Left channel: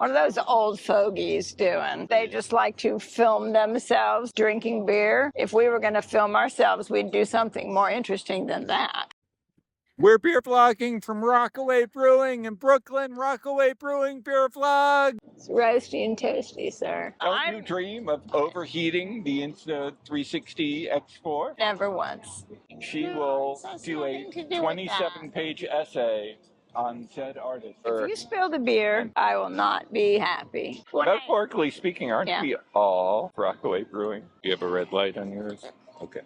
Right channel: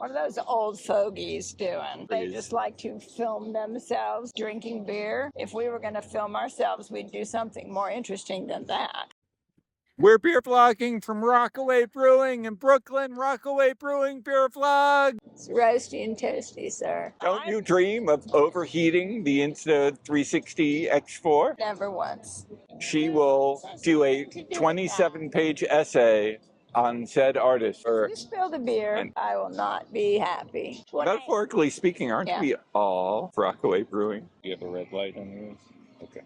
What are those old fogies doing? They just like to film themselves drinking beer. If we were going to film ourselves, we'd do something more interesting than that. We're beer vlogging from Rockaway Brewing in Brooklyn. Rockaway Brewing beer vlog. It's roasty and toasty, sir. Don't you dream of overheating the Insta360 X4? Never once. She will do a 27-page essay on said artist. If you spill the beer, I will not be happy. Metaphorically speaking, aren't we all Rockaway Brewing? Do you have a red light on yours? Okay.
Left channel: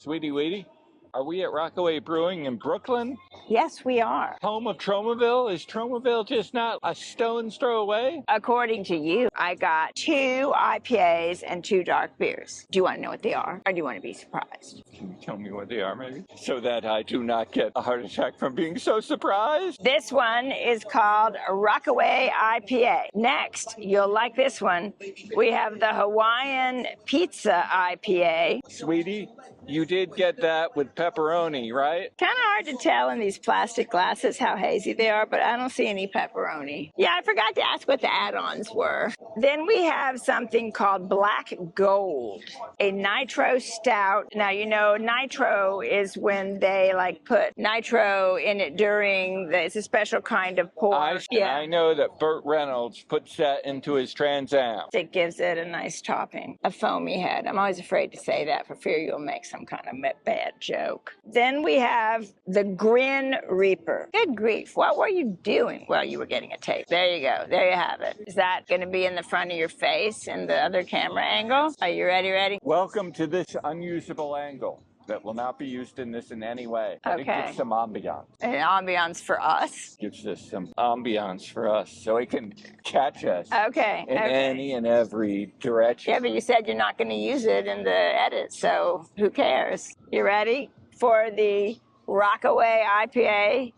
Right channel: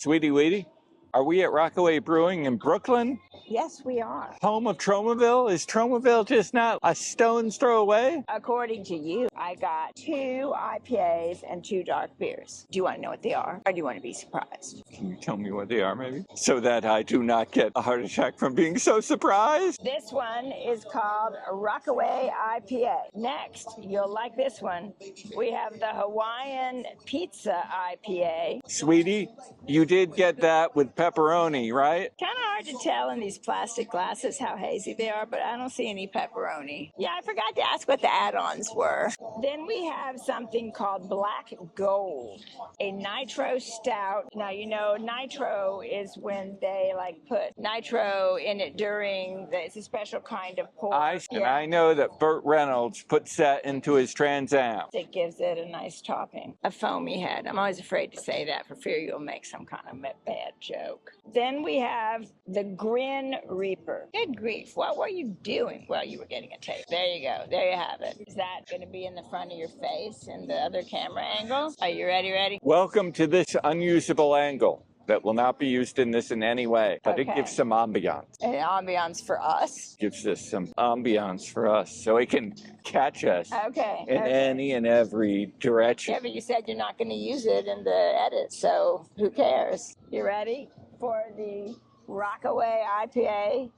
Sweetie Weetie, are we at Rockaway Brewing in Brooklyn? Yes, we are. Home of Tromaville? Is Tromaville just not a stone's throw away? According to you, I got 2 IPAs and 2 dark beers. Do you want to know what they are, or do you want to be surprised? Can you tell me what they are, maybe? So that I do not get a heart attack from being so surprised? This one is called Rockaway IPA. Next, you'll like this one. We have the Hawaiian Pizza IPA. Sweetie, you did get that with pepperoni, right? Kind of hard to tell in these plastic glasses how hazy they are, but I don't see any pepperoni. Yeah, I forgot to ask what the add-ons were. Then we have something called Black Gold, a Nitro Stout. Now, you know, Nitro is when they like put nitro in it during, it's a special kind of pour. I know that Burt Reynolds puts that into his Trans Am. It gives it a nice topping. A foamy head. I'm always afraid to say that for fear you'll make some kind of bad joke. Then we have the Grin Reaper. Good grief, what were you doing while you were getting a taste? There you go, there you have it. Is that gonna be in the front of your face in the other camera angle? Are you ready? Welcome to this unusable angle that will not be used in this in any way, but it gives some ambiance. An ambiance for us? Gives us some ambiance for us, so it can catch us in any and every direction. Yeah, but you said you're not gonna use it in the edit, so who cares? You ready for the Rockaway IPA?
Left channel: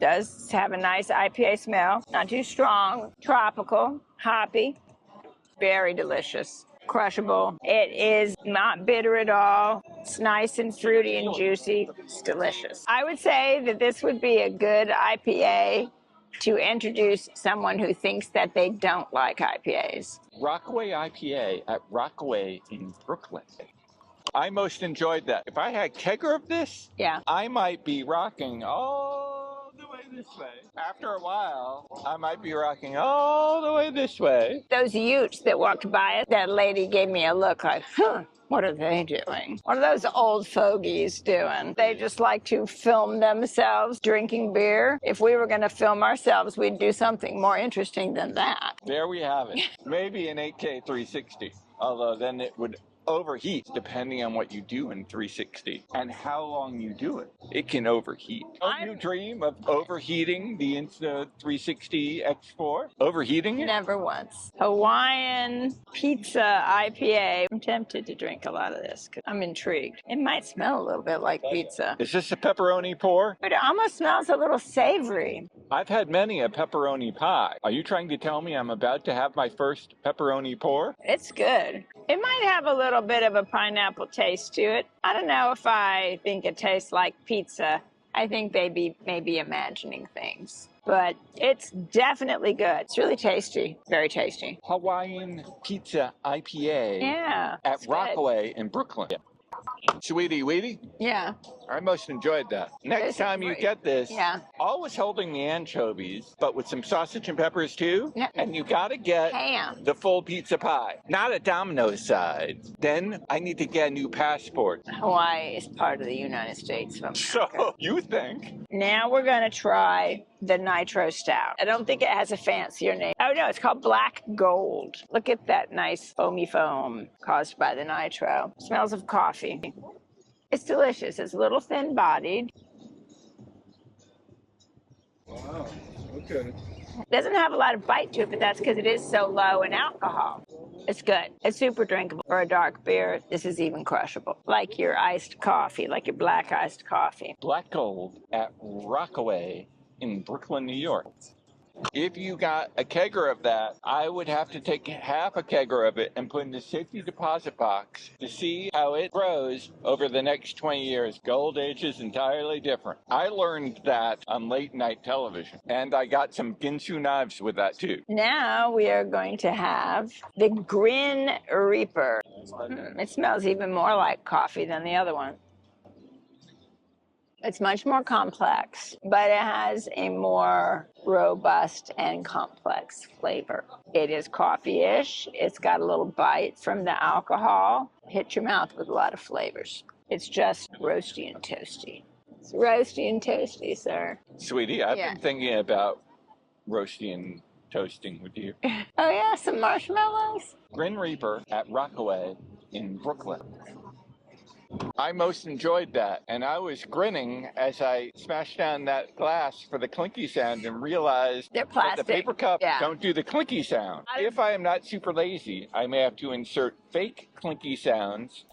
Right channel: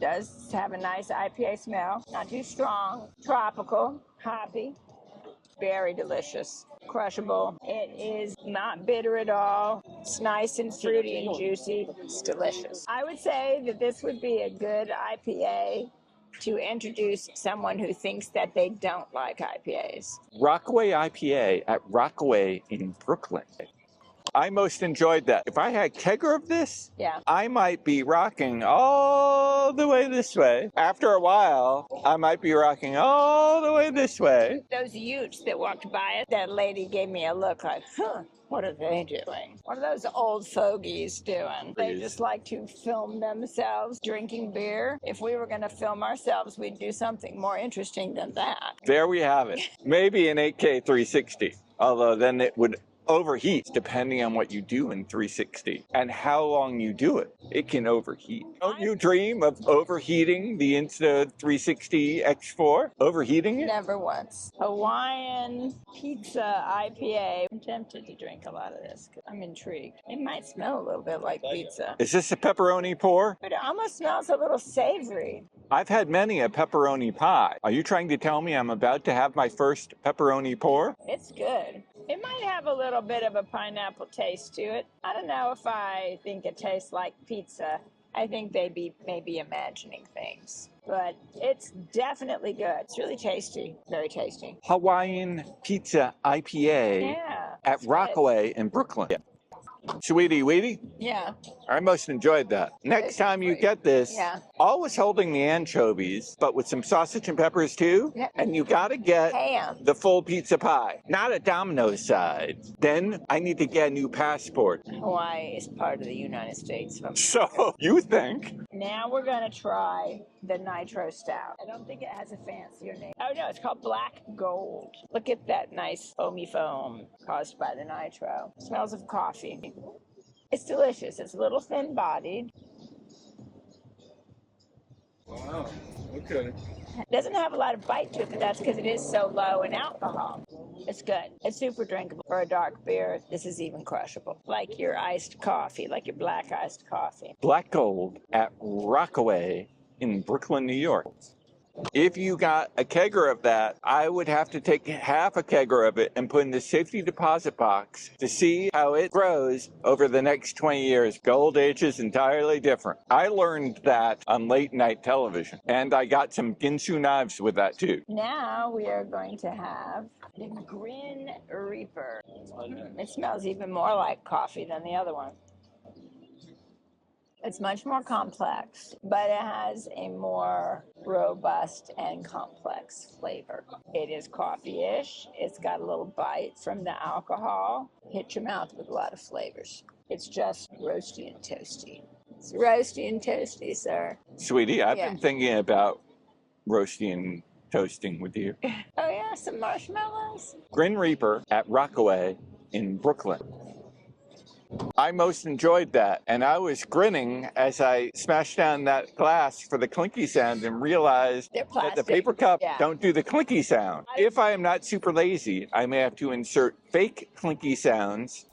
Does have a nice IPA smell, not too strong, tropical, hoppy, very delicious, crushable. It is not bitter at all. It's nice and fruity and juicy. It's delicious. I would say that this would be a good IPA to introduce someone who thinks that they don't like IPAs. Rockaway IPA at Rockaway in Brooklyn. I most enjoyed that. If I had kegger of this, I might be rocking all the way this way. After a while, I might be rocking all the way this way. Those Utes that walked by it, that lady gave me a look like, what are they doing? What are those old fogies doing? They just like to film themselves drinking beer. If we were going to film ourselves, we'd do something more interesting than that. There we have it. Maybe an 8K 360, although then it would overheat depending on what you do in 360 and how long you do it. It can overheat. Don't you dream of overheating the Insta360 X4? Overheating it? Never once. Hawaiian Pizza IPA. I'm tempted to drink a lot of this because I'm intrigued. It might smell a little bit like pizza. Is this a pepperoni pour? But it almost smells a little savory. I've had many a pepperoni pie. Are you trying to tell me I'm about to have my first pepperoni pour? It's good. It might have a little bit of a pineapple taste to it. I don't know if I think it tastes like pizza. I think maybe imagining things. But it's definitely good. It's really tasty. Very tasty. Hawaiian Pizza IPA at Rockaway in Brooklyn. Sweetie Weetie? Yeah. I most enjoyed that. Next time you get this, always holding the anchovies, but with some sausage and peppers too. And you gotta get the full pizza pie, not a Domino's side. Then I need to get a new passport. Hawaii is part of the United States. So you think? Now we're gonna try the Nitro Stout. I don't think it has a fancier name. Oh no, it's called Black Gold. Look at that nice foamy foam caused by the nitro. Smells of coffee. It's delicious. It's a little thin-bodied. Wow, okay. It doesn't have a lot of bite to it, but that's because it is so low in alcohol. It's good. It's super drinkable. For a dark beer, this is even crushable. Like your iced coffee, like your black iced coffee. Black Gold at Rockaway in Brooklyn, New York. If you got a kegger of that, I would have to take half a kegger of it and put in the safety deposit box to see how it grows over the next 20 years. Gold age is entirely different. I learned that on late night television, and I got some Ginsu knives with that too. Now we are going to have the Grin Reaper. It smells even more like coffee than the other one. It's much more complex, but it has a more robust and complex flavor. It is coffee-ish. It's got a little bite from the alcohol. Hit your mouth with a lot of flavors. It's just roasty and toasty. It's roasty and toasty, sir. Sweetie, I've been thinking about roasting and toasting with you. Oh yeah, some marshmallows. Grin Reaper at Rockaway in Brooklyn. I most enjoyed that, and I was grinning as I smashed down that glass for the clinky sound and realized that the paper cup don't do the clinky sound. If I am not super lazy, I may have to insert fake clinky sounds.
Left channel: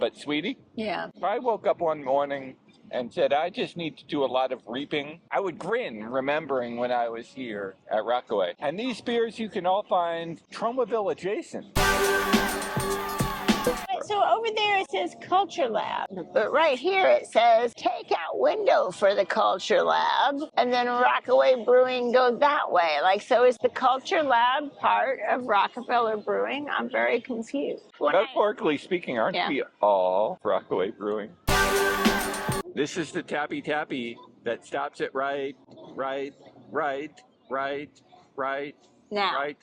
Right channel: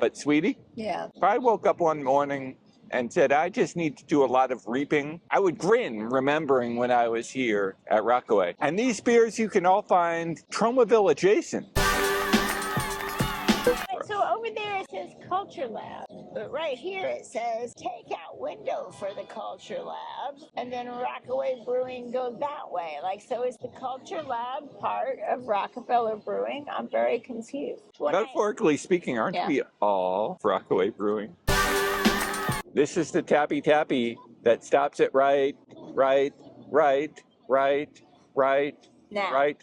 But sweetie, if I woke up one morning and said I just need to do a lot of reaping, I would grin remembering when I was here at Rockaway. And these beers you can all find Tromaville adjacent. So over there it says Culture Lab, but right here it says takeout window for the Culture Lab, and then Rockaway Brewing goes that way. Like, so is the Culture Lab part of Rockefeller Brewing? I'm very confused. Metaphorically speaking, aren't we all Rockaway Brewing? This is the tappy that stops it right now. Right.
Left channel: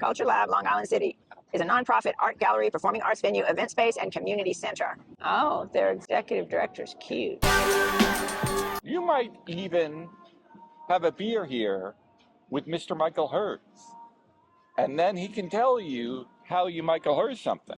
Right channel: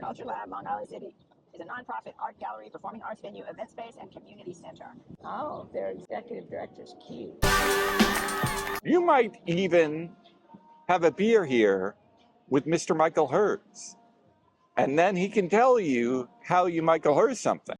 Culture Lab, Long Island City, is a nonprofit art gallery, performing arts venue, event space, and community center. Oh, their executive director's cute. You might even have a beer here with Mr. Michael Herz, and then he can tell you how you Michael Herz something.